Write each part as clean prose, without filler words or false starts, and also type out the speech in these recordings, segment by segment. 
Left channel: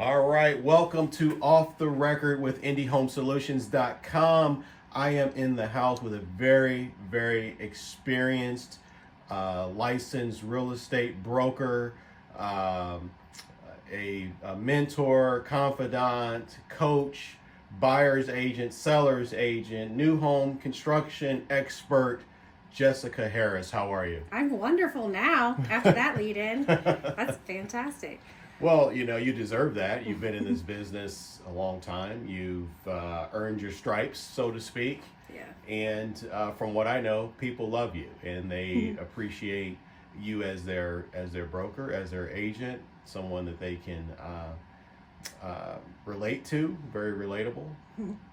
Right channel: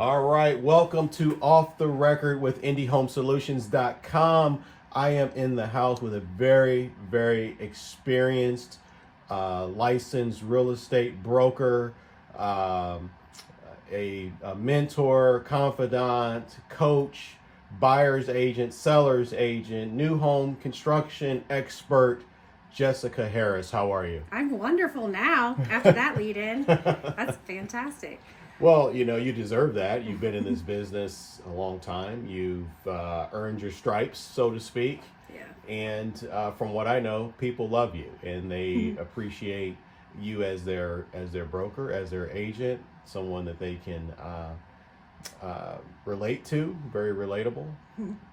All right, welcome to Off the Record with IndieHomeSolutions.com. I am in the house with a very experienced, licensed real estate broker, a mentor, confidant, coach, buyer's agent, seller's agent, new home construction expert, Jessica Harris. How are you? I'm wonderful now after that lead in. That's fantastic. Well, you deserve that. You've been in this business a long time. You've earned your stripes, so to speak. Yeah. And from what I know, people love you and they appreciate you as their broker, as their agent, someone that they can relate to, very relatable.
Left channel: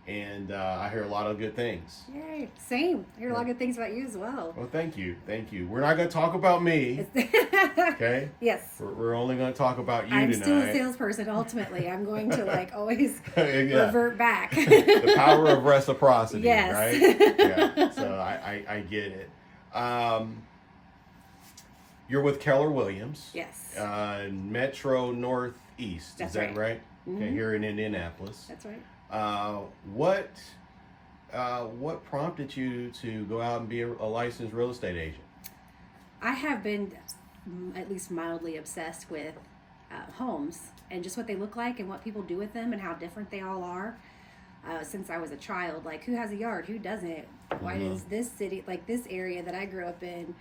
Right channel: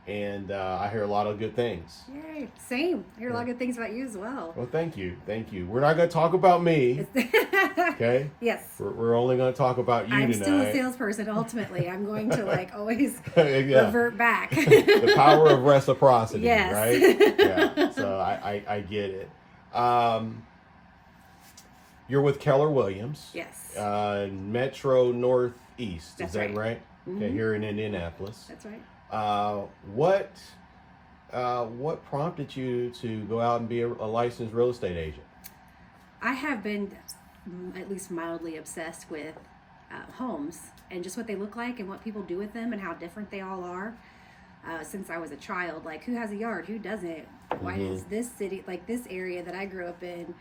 And I hear a lot of good things. Yay. Same. I hear a lot of good things about you as well. Well, thank you. We're not going to talk about me, okay? Yes. We're only going to talk about you I'm tonight. still a salesperson, ultimately. I'm going to always Yeah. revert back. The power of reciprocity, Yes. right? Yeah. So I get it. You're with Keller Williams. Yes. Metro Northeast. That's is that right. Okay, here in Indianapolis. That's right. What prompted you to go out and be a licensed real estate agent? I have been at least mildly obsessed with homes and just what they look like and what people do with them and how different they all are. Since I was a child, like who has a yard, who doesn't? Why does this city, like this area that I grew up in,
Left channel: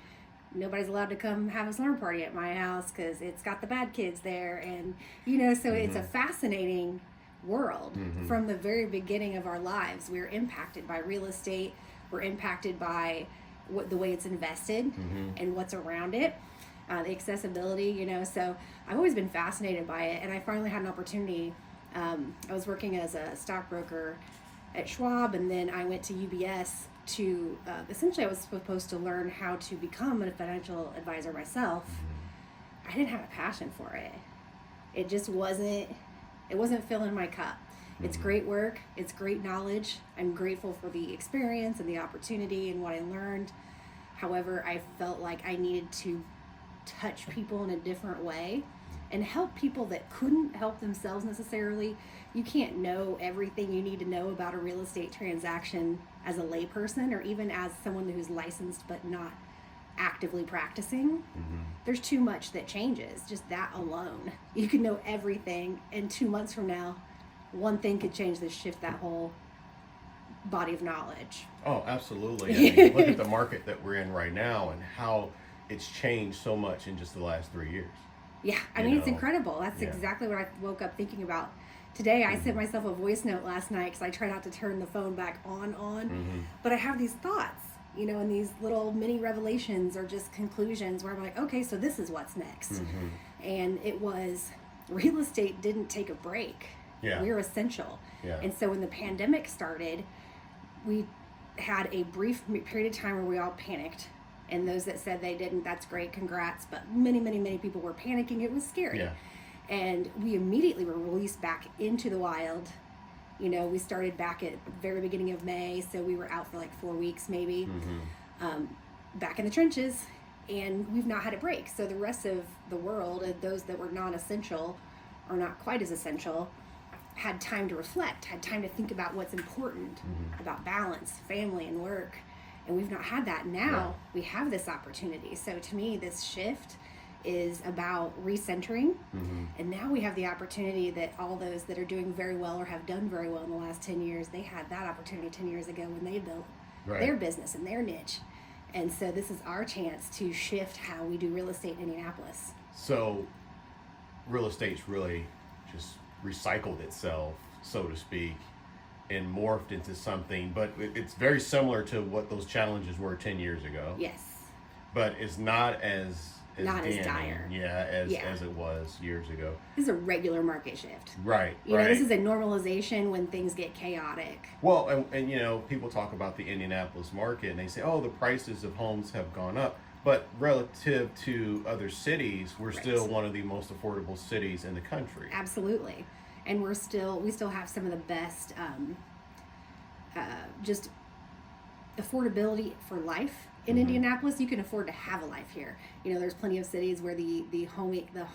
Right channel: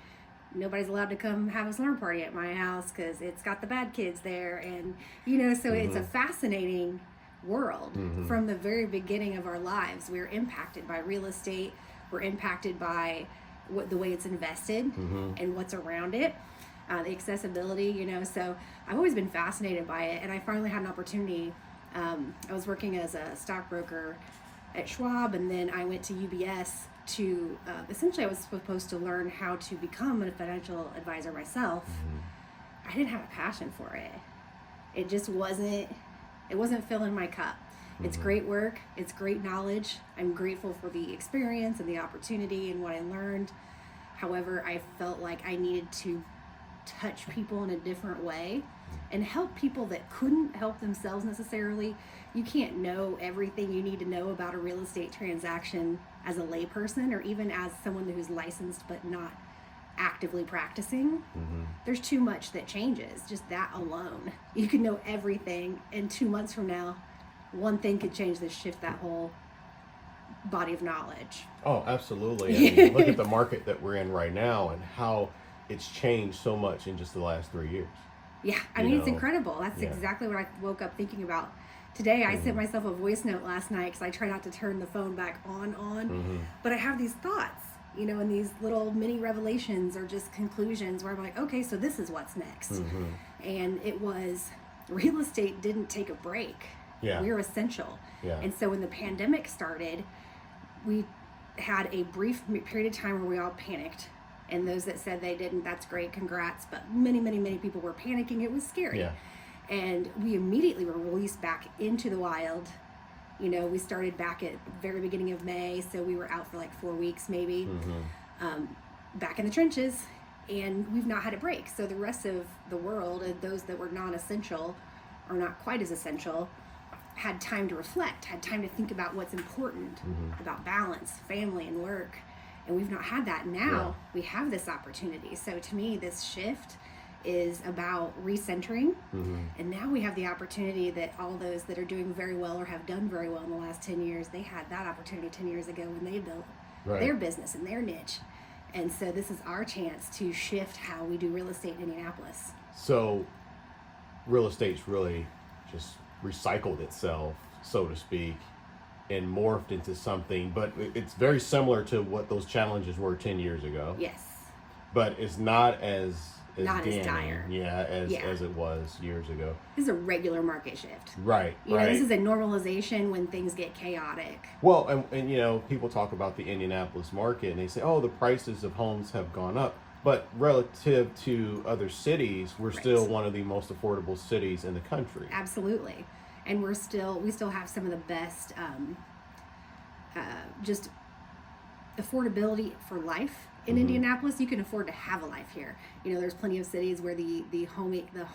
nobody's allowed to come have a slumber party at my house because it's got the bad kids there, and so it's a fascinating world. From the very beginning of our lives, we're impacted by real estate. We're impacted by the way it's invested and what's around it, the accessibility. So I've always been fascinated by it, and I finally had an opportunity. I was working as a stockbroker at Schwab, and then I went to UBS to essentially I was supposed to learn how to become a financial advisor myself. I didn't have a passion for it. It just wasn't filling my cup. It's great work, it's great knowledge. I'm grateful for the experience and the opportunity and what I learned. However, I felt like I needed to touch people in a different way and help people that couldn't help themselves necessarily. You can't know everything you need to know about a real estate transaction as a layperson or even as someone who's licensed but not actively practicing. There's too much that changes, just that alone. You can know everything, and 2 months from now, one thing could change shift that whole body of knowledge. Oh, absolutely. I mean, look at the market that we're in right now and how it's changed so much in just the last 3 years. Yeah, I mean, it's incredible. That's exactly what I woke up thinking about today. I sent myself a voice note last night because I try not to turn the phone back on. But I have these thoughts, and these little mini revelations or just conclusions where I'm like, okay, so this is what's next. And it was, real estate didn't take a break. Yeah. We're essential. Yeah. And so when the pandemic started, we had a brief period of time where we all panicked. And those that said they didn't, that's great, congrats. But many people were panicking. It was scary. Yeah. And we immediately were released back into the wild. We started back at the very beginning of May, so we were out for like 4 weeks maybe, back in the trenches, and we've not had a break. So the rest of the world, and those that were non-essential or not quite as essential, had time to reflect, had time to think about what's important, about balance, family, and work. And we've not had that. Now we have this opportunity. So to me, this shift is about recentering. And now we have the opportunity that all those that are doing very well or have done very well in the last 10 years, they had that opportunity 10 years ago when they built their business and their niche. And so this is our chance to shift how we do real estate in Indianapolis. So real estate's really just recycled itself, so to speak, and morphed into something, but it's very similar to what those challenges were 10 years ago. Yes. But it's not as dire. As it was years ago. This is a regular market shift. Right. This is a normalization when things get chaotic. Well, and people talk about the Indianapolis market and they say, oh, the prices of homes have gone up. But relative to other cities, we're still one of the most affordable cities in the country. Absolutely. And we still have some of the best just affordability for life in Indianapolis. You can afford to have a life here. There's plenty of cities where the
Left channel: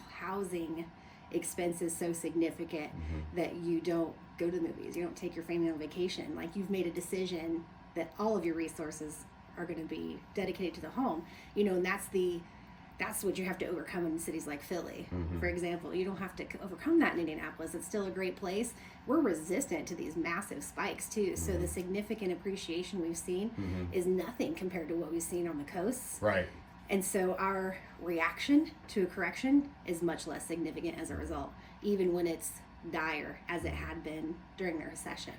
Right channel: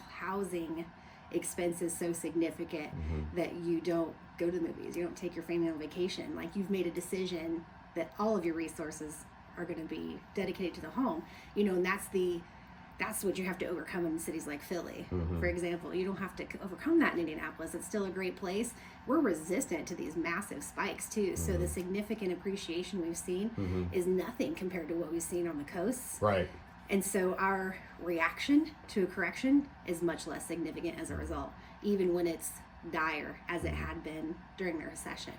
housing expense is so significant that you don't go to the movies, you don't take your family on vacation. Like, you've made a decision that all of your resources are going to be dedicated to the home, and that's what you have to overcome in cities like Philly, for example. You don't have to overcome that in Indianapolis. It's still a great place. We're resistant to these massive spikes too. So the significant appreciation we've seen is nothing compared to what we've seen on the coasts. Right. And so our reaction to a correction is much less significant as a result, even when it's dire as it had been during the recession.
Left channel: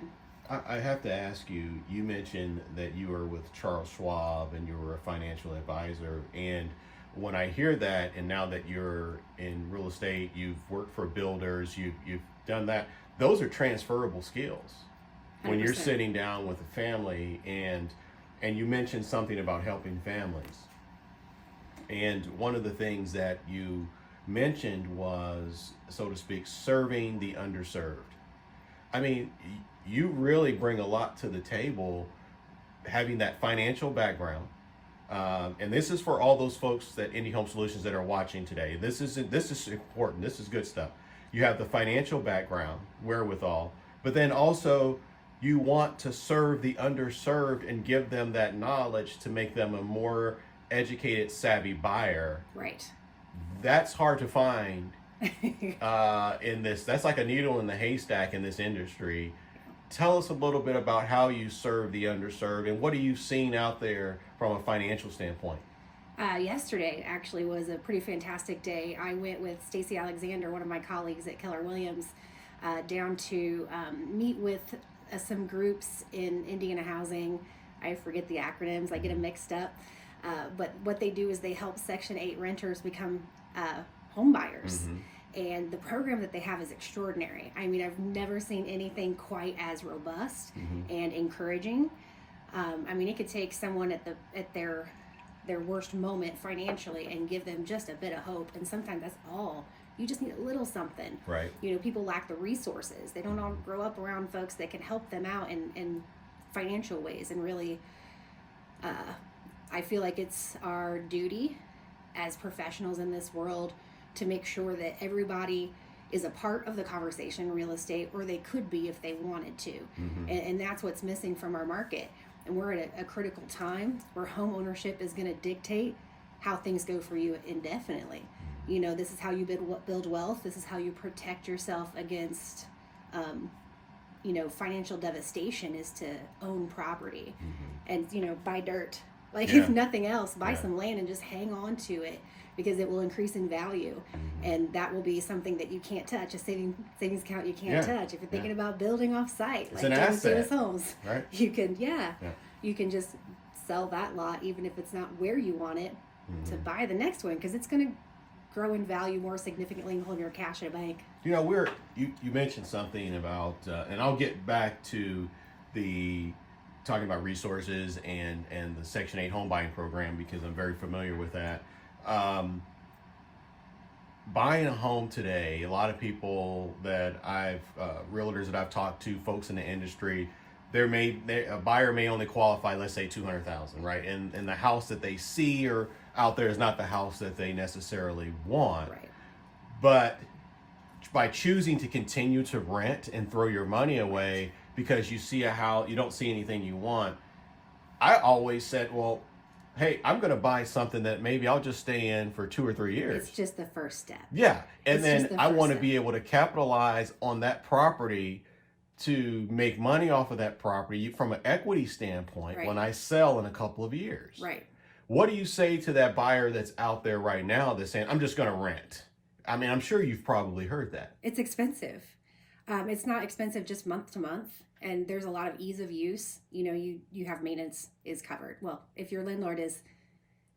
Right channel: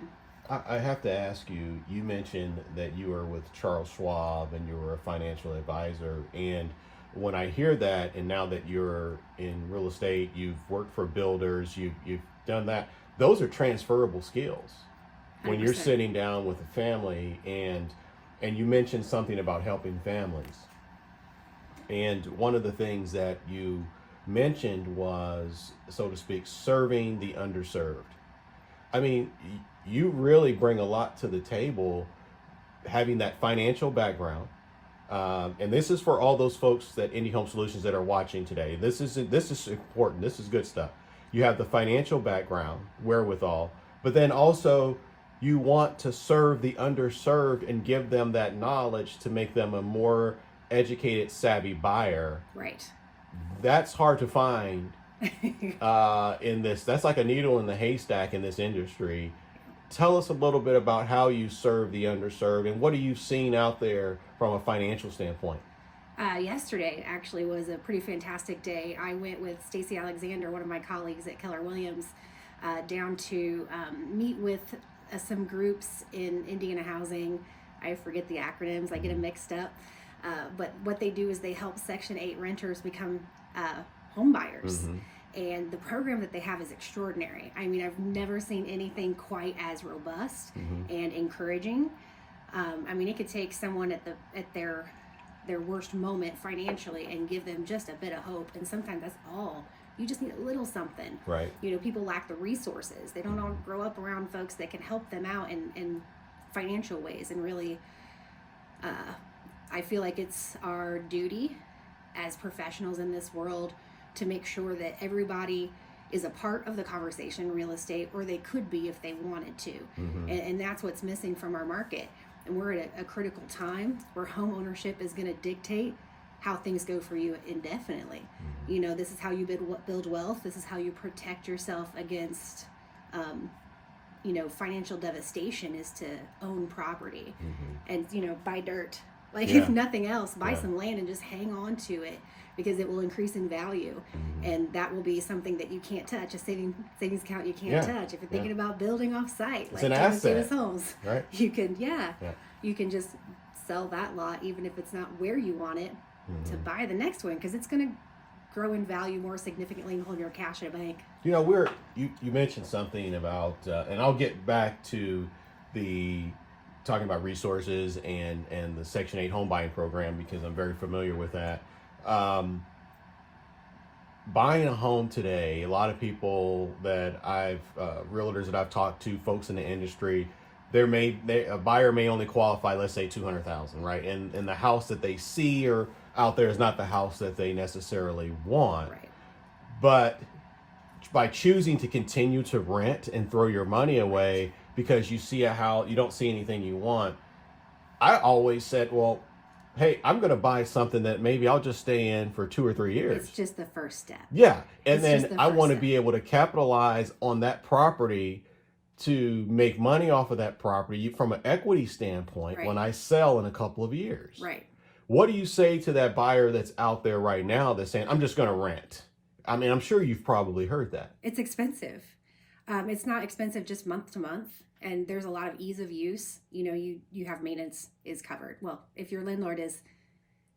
I have to ask you, you mentioned that you were with Charles Schwab and you were a financial advisor. And when I hear that, and now that you're in real estate, you've worked for builders, you've done that, those are transferable skills. 100%. When you're sitting down with a family, and you mentioned something about helping families. And one of the things that you mentioned was, so to speak, serving the underserved. I mean, you really bring a lot to the table, having that financial background. And this is for all those folks that Indie Home Solutions that are watching today. This is important. This is good stuff. You have the financial background, wherewithal, but then also you want to serve the underserved and give them that knowledge to make them a more educated, savvy buyer. Right. That's hard to find in this. That's like a needle in the haystack in this industry. Tell us a little bit about how you serve the underserved and what are you seeing out there from a financial standpoint? Yesterday actually was a pretty fantastic day. I went with Stacy Alexander, one of my colleagues at Keller Williams, down to meet with some groups in Indiana Housing. I forget the acronyms, I get them mixed up. But what they do is they help Section 8 renters become home buyers. And the program that they have is extraordinary. I mean, I've never seen anything quite as robust and encouraging. I mean, it could take someone at their worst moment financially and give them just a bit of hope. And sometimes that's all. You just need a little something. Right. People lack the resources. They don't all grow up around folks that can help them out in financial ways. And really, I feel like it's our duty as professionals in this world to make sure that everybody is a part of the conversation in real estate, or they could be if they wanted to. And that's what's missing from our market. And we're at a critical time where home ownership is going to dictate how things go for you indefinitely. This is how you build wealth. This is how you protect yourself against, financial devastation, is to own property and, buy dirt. If nothing else, buy some land and just hang on to it, because it will increase in value. And that will be something that you can't touch, a savings account you can't touch. If you're thinking about building off site, like Thomas Davis Homes, right? You can just sell that lot, even if it's not where you want it, to buy the next one, because it's going to grow in value more significantly than holding your cash at a bank. You mentioned something about, and I'll get back to talking about resources and the Section 8 home buying program, because I'm very familiar with that. Buying a home today, a lot of people that realtors that I've talked to, folks in the industry, a buyer may only qualify, let's say $200,000, right? And the house that they see or out there is not the house that they necessarily want. Right. But by choosing to continue to rent and throw your money away because you see you don't see anything you want, I always said, well, hey, I'm going to buy something that maybe I'll just stay in for 2 or 3 years. It's just the first step. Yeah. And then I want to be able to capitalize on that property to make money off of that property from an equity standpoint when I sell in a couple of years. Right. What do you say to that buyer that's out there right now that's saying, I'm just going to rent? I mean, I'm sure you've probably heard that. It's expensive. It's not expensive just month to month. And there's a lot of ease of use. You have maintenance is covered. Well, if your landlord is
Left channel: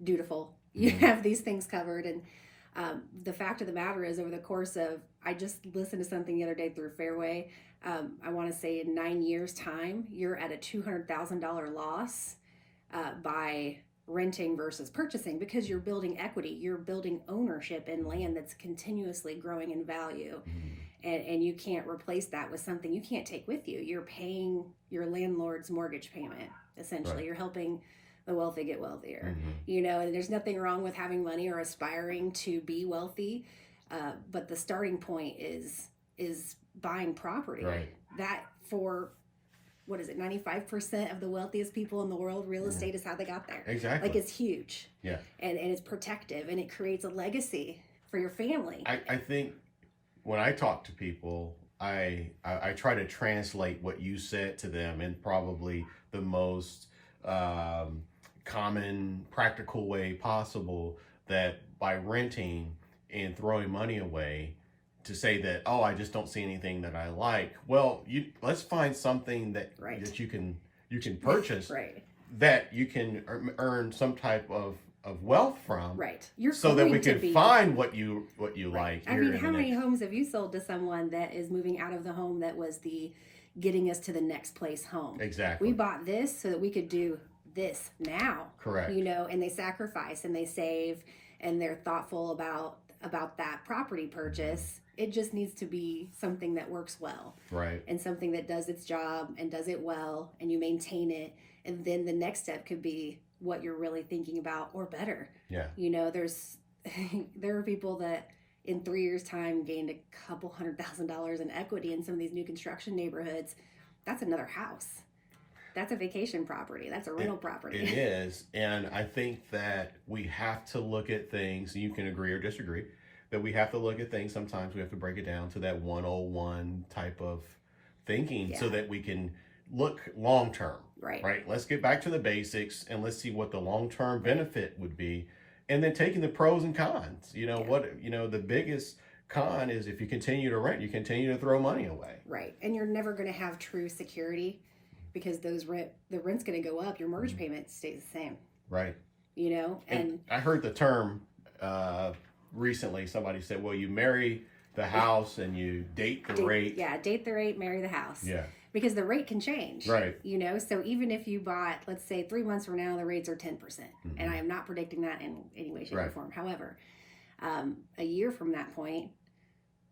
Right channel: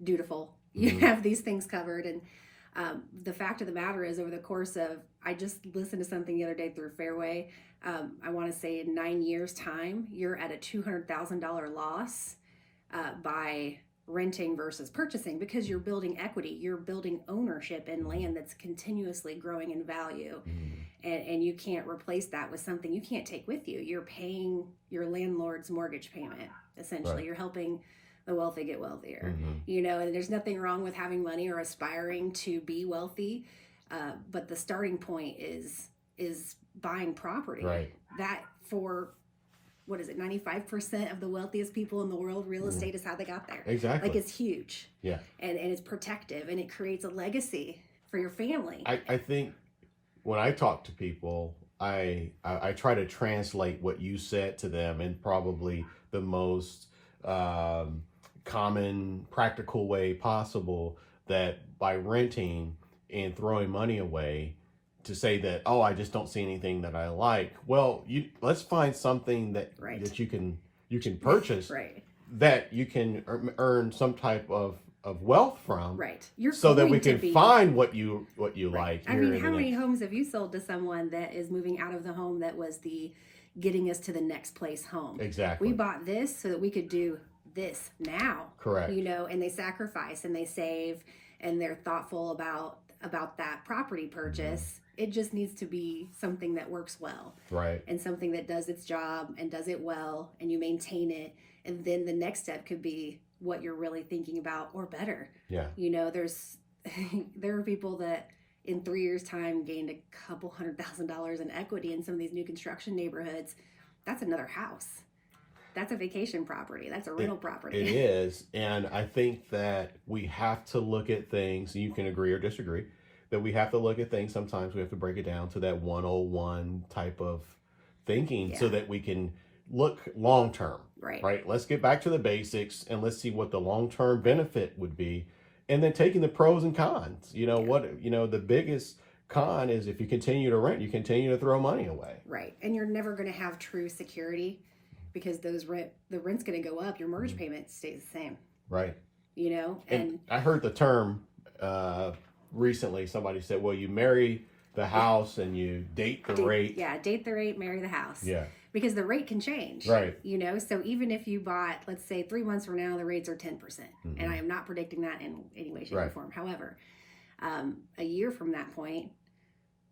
dutiful, you have these things covered. And the fact of the matter is, over the course of, I just listened to something the other day through Fairway. I want to say in 9 years' time, you're at a $200,000 loss by renting versus purchasing, because you're building equity. You're building ownership in land that's continuously growing in value. And you can't replace that with something you can't take with you. You're paying your landlord's mortgage payment, essentially. Right. You're helping the wealthy get wealthier. And there's nothing wrong with having money or aspiring to be wealthy. But the starting point is buying property. Right. That for what is it, 95% of the wealthiest people in the world, real estate is how they got there. Exactly. Like, it's huge. Yeah. And it's protective, and it creates a legacy for your family. I think when I talk to people, I try to translate what you said to them in probably the most common, practical way possible, that by renting and throwing money away, to say that, oh, I just don't see anything that I like. Well, let's find something that Right. that you can purchase Right. that you can earn some type of wealth from. Right. You're So that going we to can be find what you right. like. I here mean, in how the many next- homes have you sold to someone that is moving out of the home that was the getting us to the next place home? Exactly. We bought this so that we could do this now. Correct. You know, and they sacrifice and they save and they're thoughtful about that property purchase. It just needs to be something that works well. Right. And something that does its job and does it well, and you maintain it. And then the next step could be what you're really thinking about, or better. Yeah. You know, there are people that in 3 years' time gained a couple $100,000 in equity in some of these new construction neighborhoods. That's another house. That's a vacation property. That's a rental property. It is. And I think that we have to look at things, you can agree or disagree, that we have to look at things. Sometimes we have to break it down to that 101 type of thinking, so that we can look long term. Right. Let's get back to the basics and let's see what the long term benefit would be. And then taking the pros and cons. The biggest con is if you continue to rent, you continue to throw money away. Right. And you're never going to have true security, because the rent's going to go up. Your mortgage payment stays the same. Right. You know, and I heard the term recently. Somebody said, well, you marry the house and you date the rate. Yeah, date the rate, marry the house. Yeah. Because the rate can change. Right. You know, so even if you bought, let's say 3 months from now, the rates are 10%. Mm-hmm. And I am not predicting that in any way, shape, or Right. form. However, a year from that point,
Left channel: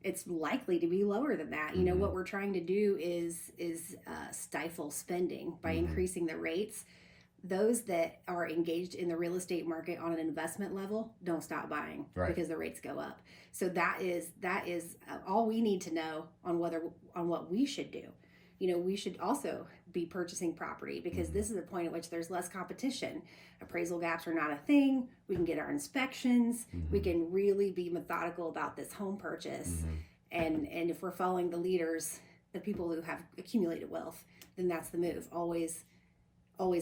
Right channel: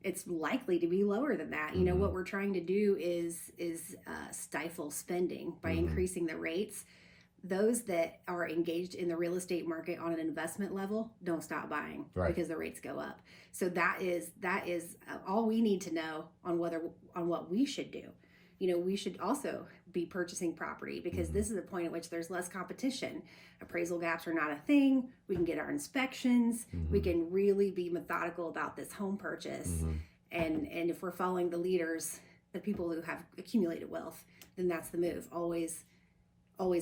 it's likely to be lower than that. You know, what we're trying to do is stifle spending by increasing the rates. Those that are engaged in the real estate market on an investment level don't stop buying because the rates go up. So that is all we need to know on what we should do. You know, we should also be purchasing property, because this is a point at which there's less competition. Appraisal gaps are not a thing. We can get our inspections. We can really be methodical about this home purchase. And if we're following the leaders, the people who have accumulated wealth, then that's the move. Always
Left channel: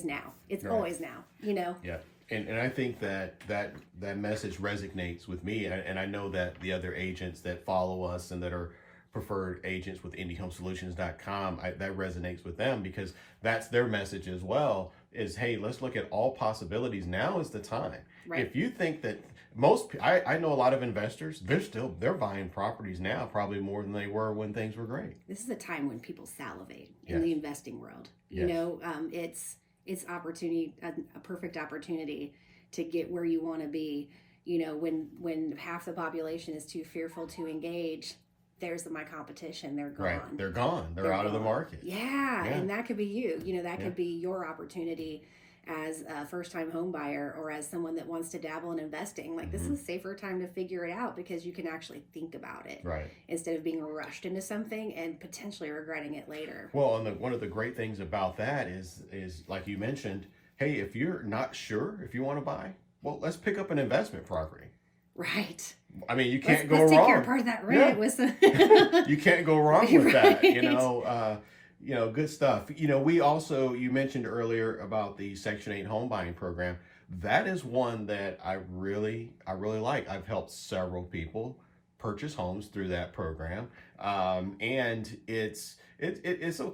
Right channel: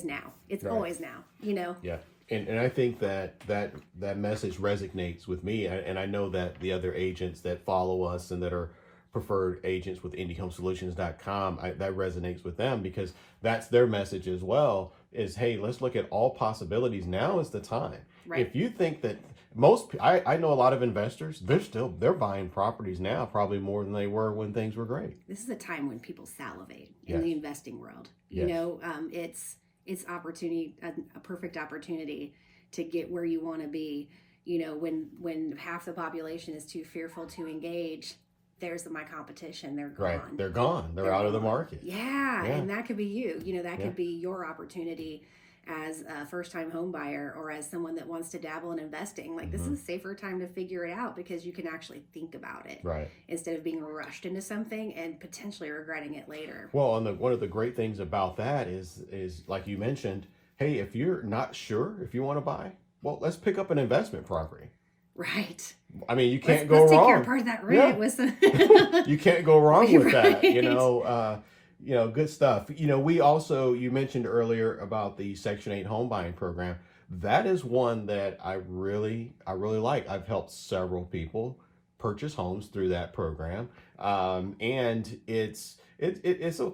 now. It's always now, you know? Yeah. And I think that message resonates with me. And I know that the other agents that follow us and that are preferred agents with IndyHomeSolutions.com, that resonates with them, because that's their message as well, is, hey, let's look at all possibilities. Now is the time. Right. If you think that I know a lot of investors, they're buying properties now probably more than they were when things were great. This is a time when people salivate in the investing world. You know, it's opportunity, a perfect opportunity to get where you want to be. You know, when half the population is too fearful to engage, there's my competition. They're gone. Right. They're gone. They're out of the market. Yeah. And that could be you. You know, that could be your opportunity as a first-time home buyer, or as someone that wants to dabble in investing. Like, this is a safer time to figure it out, because you can actually think about it instead of being rushed into something and potentially regretting it later. Well, and one of the great things about that is like you mentioned, hey, if you're not sure if you want to buy, well, let's pick up an investment property. Right. I mean, you can't go wrong. Let's take care of part of that rent with some. You can't go wrong with that. You know, good stuff. You know, you mentioned earlier about the Section 8 home buying program. That is one that I really like. I've helped several people purchase homes through that program, and it's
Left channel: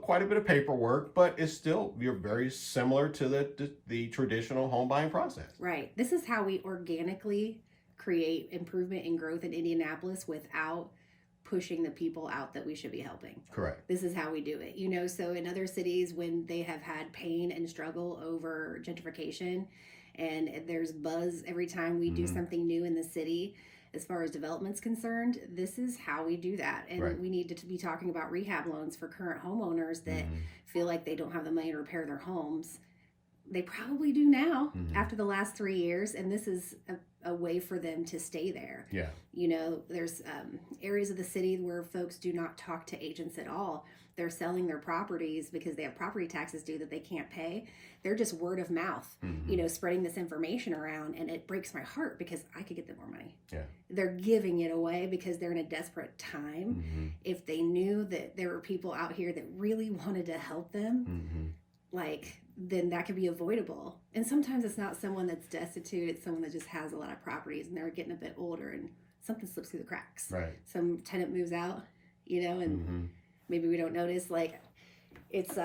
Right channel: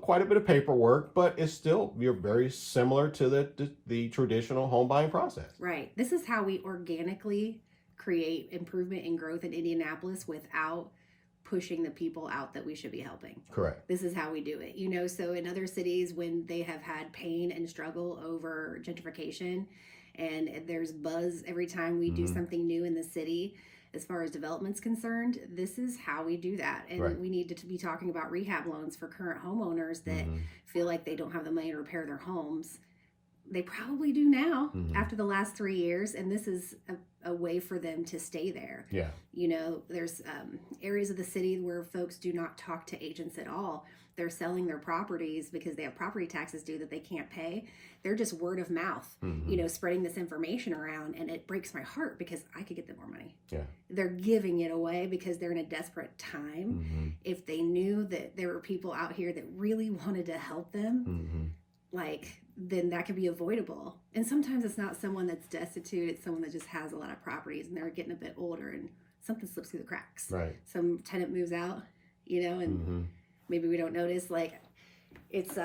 quite a bit of paperwork, but it's still, you're very similar to the traditional home buying process. Right. This is how we organically create improvement and growth in Indianapolis without pushing the people out that we should be helping. Correct. This is how we do it. You know, so in other cities, when they have had pain and struggle over gentrification, and there's buzz every time we do something new in the city as far as development's concerned, this is how we do that. And we need to be talking about rehab loans for current homeowners that feel like they don't have the money to repair their homes. they probably do now after the last 3 years, and this is a way for them to stay there. Yeah. You know, there's areas of the city where folks do not talk to agents at all. They're selling their properties because they have property taxes due that they can't pay. They're just word of mouth, you know, spreading this information around, and it breaks my heart because I could get them more money. Yeah. They're giving it away because they're in a desperate time. If they knew that there were people out here that really wanted to help them, like, then that could be avoidable. And sometimes it's not someone that's destitute, it's someone that just has a lot of properties and they're getting a bit older and something slips through the cracks. Right. Some tenant moves out, you know, and maybe we don't notice. Like, it's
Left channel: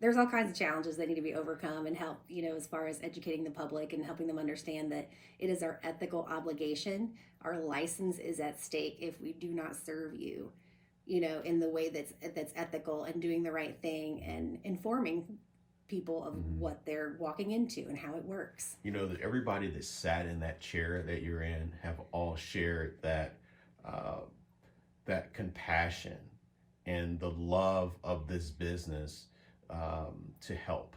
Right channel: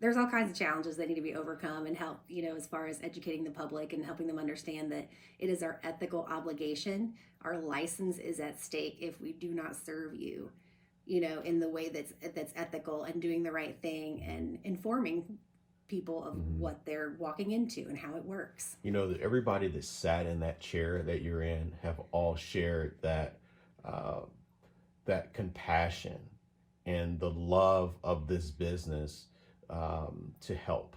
there's all kinds of challenges that need to be overcome and help, you know, as far as educating the public and helping them understand that it is our ethical obligation. Our license is at stake if we do not serve you, you know, in the way that's ethical and doing the right thing and informing people of what they're walking into and how it works. You know, that everybody that sat in that chair that you're in have all shared that that compassion and the love of this business to help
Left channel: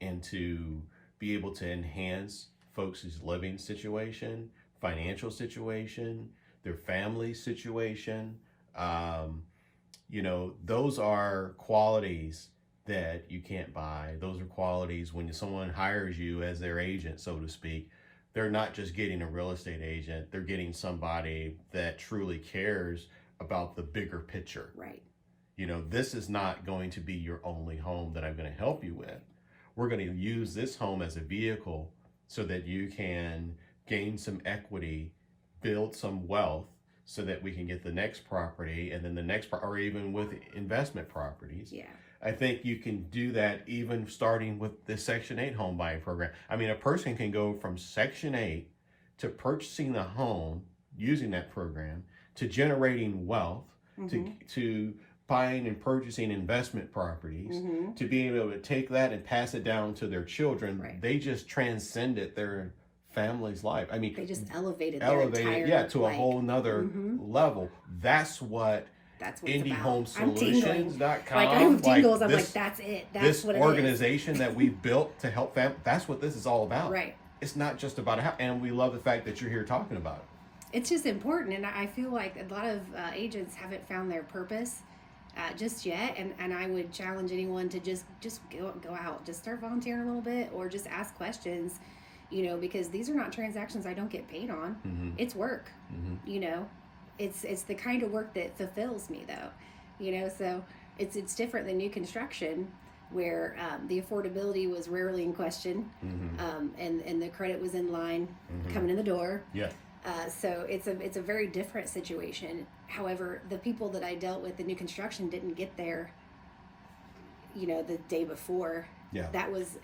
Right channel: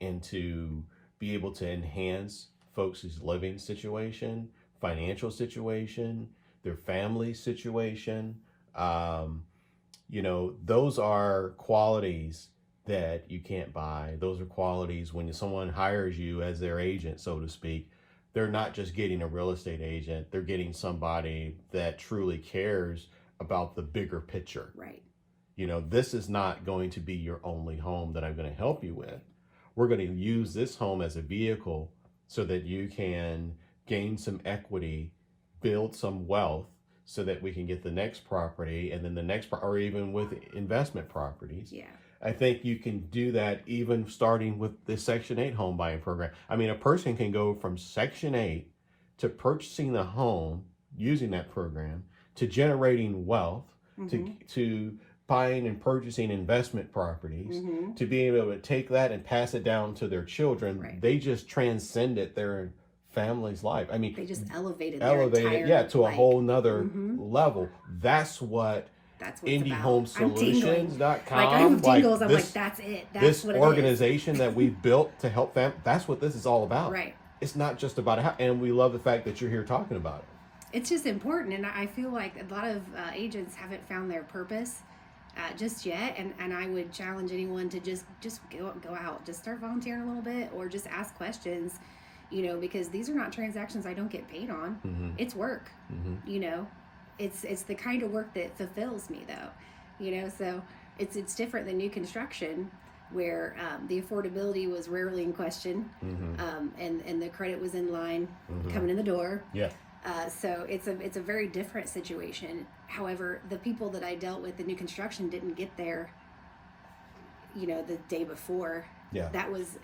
and to be able to enhance folks' living situation, financial situation, their family situation. You know, those are qualities that you can't buy. Those are qualities when someone hires you as their agent, so to speak. They're not just getting a real estate agent, they're getting somebody that truly cares about the bigger picture. Right. You know, this is not going to be your only home that I'm going to help you with. We're going to use this home as a vehicle so that you can gain some equity, build some wealth, so that we can get the next property and then the next, or even with investment properties. Yeah. I think you can do that even starting with the Section 8 home buying program. I mean, a person can go from Section 8 to purchasing a home using that program, to generating wealth, to buying and purchasing investment properties, to being able to take that and pass it down to their children. Right. They just transcended their family's life. I mean, they just elevated their entire to a whole nother level. That's what it's about. I'm tingling. Like, I have tingles. I'm like, that's it. That's what it is. This organization that we built to help families, that's what this is all about. Right. It's not just about a house. And we love the fact that you're here talking about it. It's just important. And I feel like a lot of agents haven't found their purpose just yet. And I would challenge anyone to just go out. Just start volunteering a little bit or just ask questions, you know, because these are not transactions I don't get paid on. It's work, you know. It's the kind of work that fulfills me, though, you know. So it's different than new construction, where the affordability was rarely in question, and the credit was in line coming in the door. Yeah. So it's a very different situation. However, the people that I dealt with in new construction didn't get there, you know, the day before. Yeah. That was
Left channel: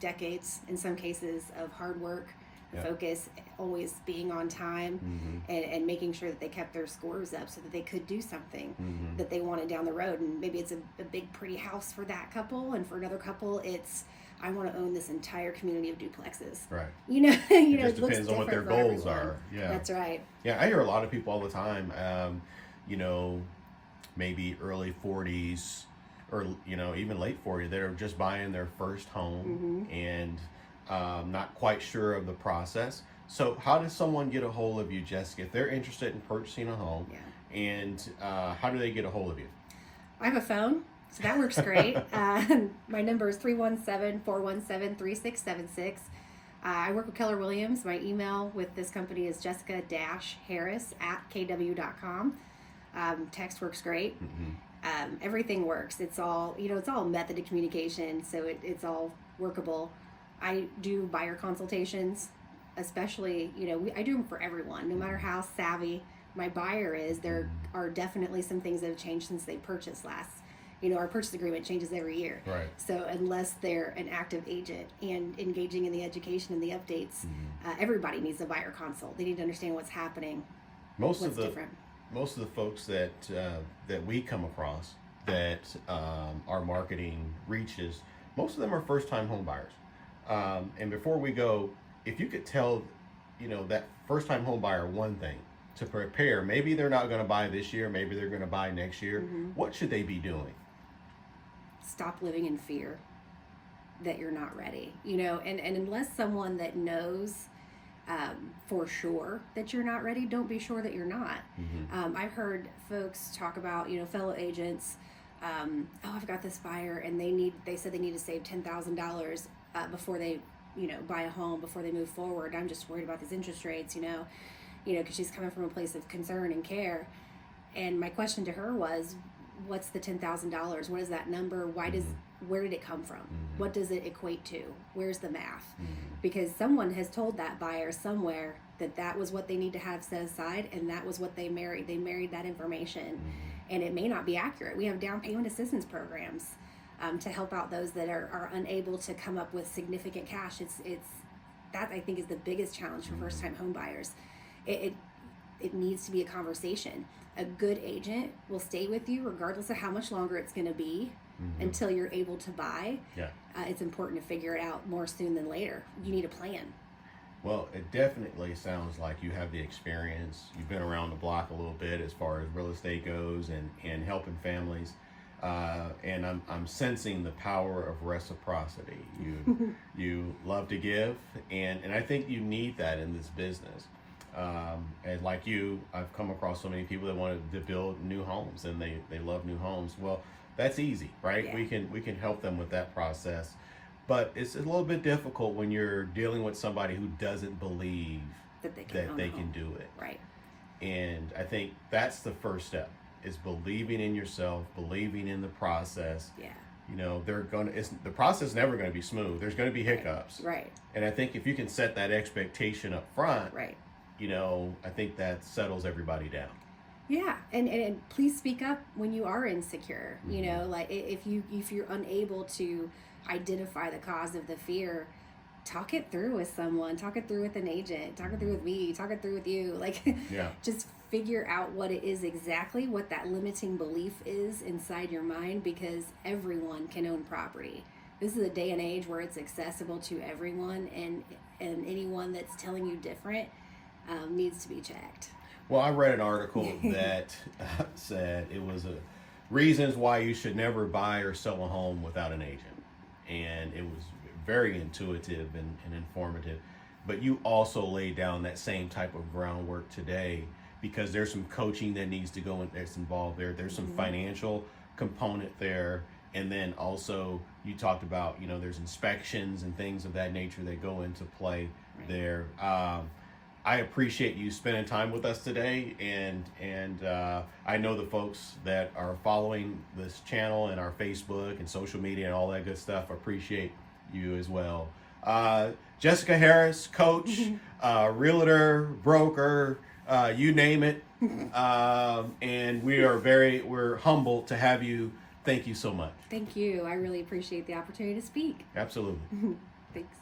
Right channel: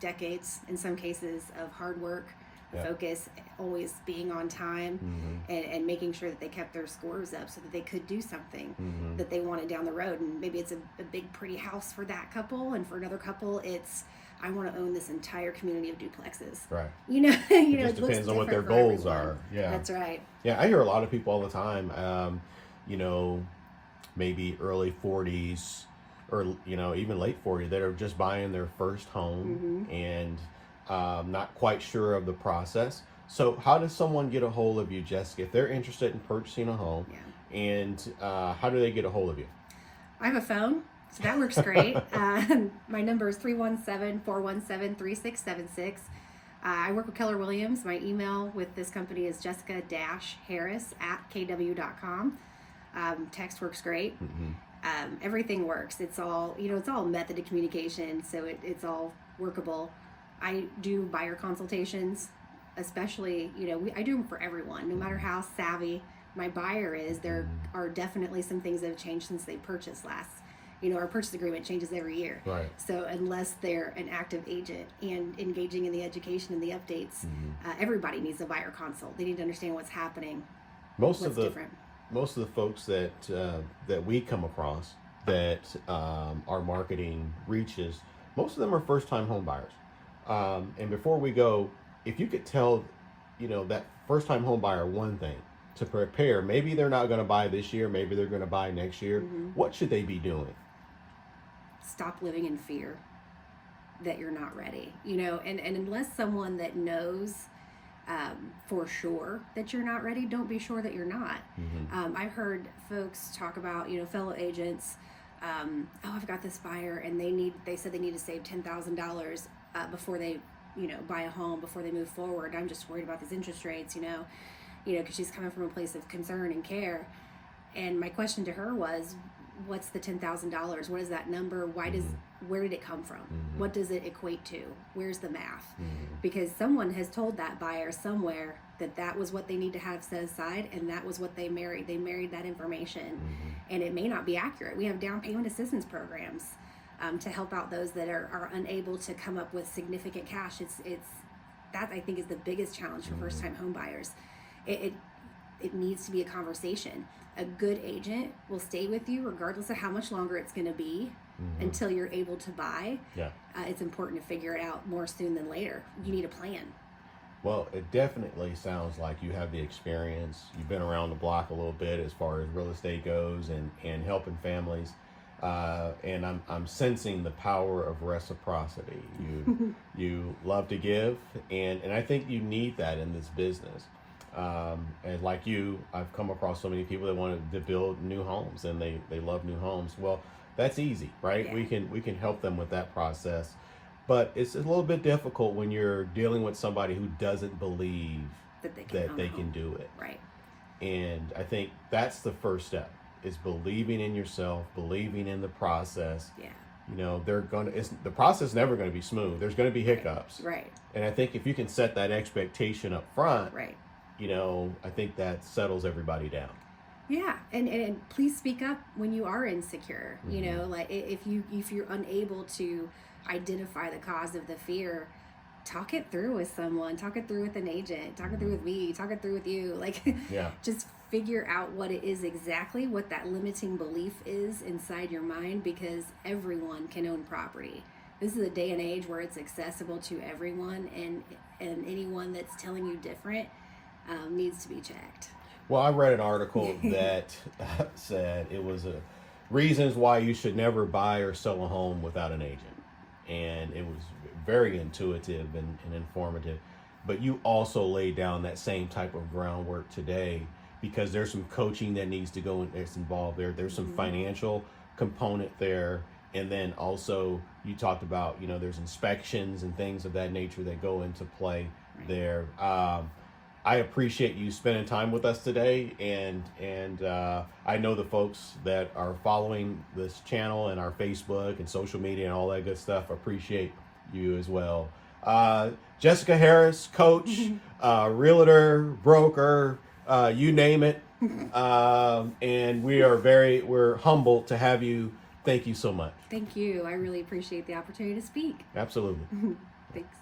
decades in some cases of hard work. Focus, always being on time, and making sure that they kept their scores up so that they could do something that they wanted down the road. And maybe it's a big pretty house for that couple, and for another couple it's, I want to own this entire community of duplexes. Right. You know, it looks different on what their for goals everyone. are. Yeah. That's right. Yeah, I hear a lot of people all the time, you know, maybe early 40s or, you know, even late 40s that are just buying their first home and not quite sure of the process. So how does someone get a hold of you, Jessica, if they're interested in purchasing a home? Yeah. And how do they get a hold of you? I have a phone, so that works great. My number is 317-417-3676. I work with Keller Williams. My email with this company is jessica-harris@kw.com. Text works great. Everything works. It's all, you know, it's all method of communication, so it's all workable. I do buyer consultations, especially, you know, I do them for everyone, no matter how savvy my buyer is. There are definitely some things that have changed since they purchased last. You know, our purchase agreement changes every year. Right. So unless they're an active agent and engaging in the education and the updates, everybody needs a buyer consult. They need to understand what's happening, what's different. Most of the folks that we come across that our marketing reaches, most of them are first-time home buyers. And before we go, if you could tell, you know, that first-time home buyer one thing to prepare, maybe they're not going to buy this year, maybe they're going to buy next year. What should they be doing? Stop living in fear. that you're not ready, and unless someone that knows for sure that you're not ready, don't be sure that you're not. I've heard folks talk about, fellow agents, oh, I've got this buyer and they said they need to save $10,000 before they, buy a home, before they move forward. I'm just worried about these interest rates, because she's coming from a place of concern and care. And my question to her was, what's the $10,000? What is that number? Where did it come from? What does it equate to? Where's the math? Because someone has told that buyer somewhere that was what they need to have set aside, and that was what they married. They married that information, and it may not be accurate. We have down payment assistance programs to help out those that are unable to come up with significant cash. It's that, I think, is the biggest challenge for first-time home buyers. It needs to be a conversation. A good agent will stay with you regardless of how much longer it's going to be until you're able to buy. Yeah. It's important to figure it out more soon than later. You need a plan. Well, it definitely sounds like you have the experience. You've been around the block a little bit as far as real estate goes and helping families. And I'm sensing the power of reciprocity. You love to give, and I think you need that in this business. And like you, I've come across so many people that want to build new homes, and they love new homes. Well, that's easy, right? Yeah. We can help them with that process, but it's a little bit difficult when you're dealing with somebody who doesn't believe That they can do it. Right. And I think that's the first step, is believing in yourself, believing in the process. Yeah. The process is never going to be smooth. There's going to be hiccups. Right. And I think if you can set that expectation up front, Right. I think that settles everybody down. Yeah, and please speak up when you are insecure. Like if you're unable to identify the cause of the fear, talk it through with someone. Talk it through with an agent. Talk it through with me. Talk it through with you. Like, just figure out what it is exactly, what that limiting belief is inside your mind, because everyone can own property. This is a day and age where it's accessible to everyone, and anyone that's telling you different needs to be checked. Well, I read an article that said it was reasons why you should never buy or sell a home without an agent. And it was very intuitive and informative. But you also lay down that same type of groundwork today, because there's some coaching that needs to go in, that's involved there. There's some financial component there. And then also you talked about, there's inspections and things of that nature that go into play there. I appreciate you spending time with us today, and I know the folks that are following this channel and our Facebook and social media and all that good stuff appreciate you as well. Jessica Harris, coach, realtor, broker, you name it, and we're humbled to have you. Thank you so much. Thank you. I really appreciate the opportunity to speak. Absolutely. Thanks.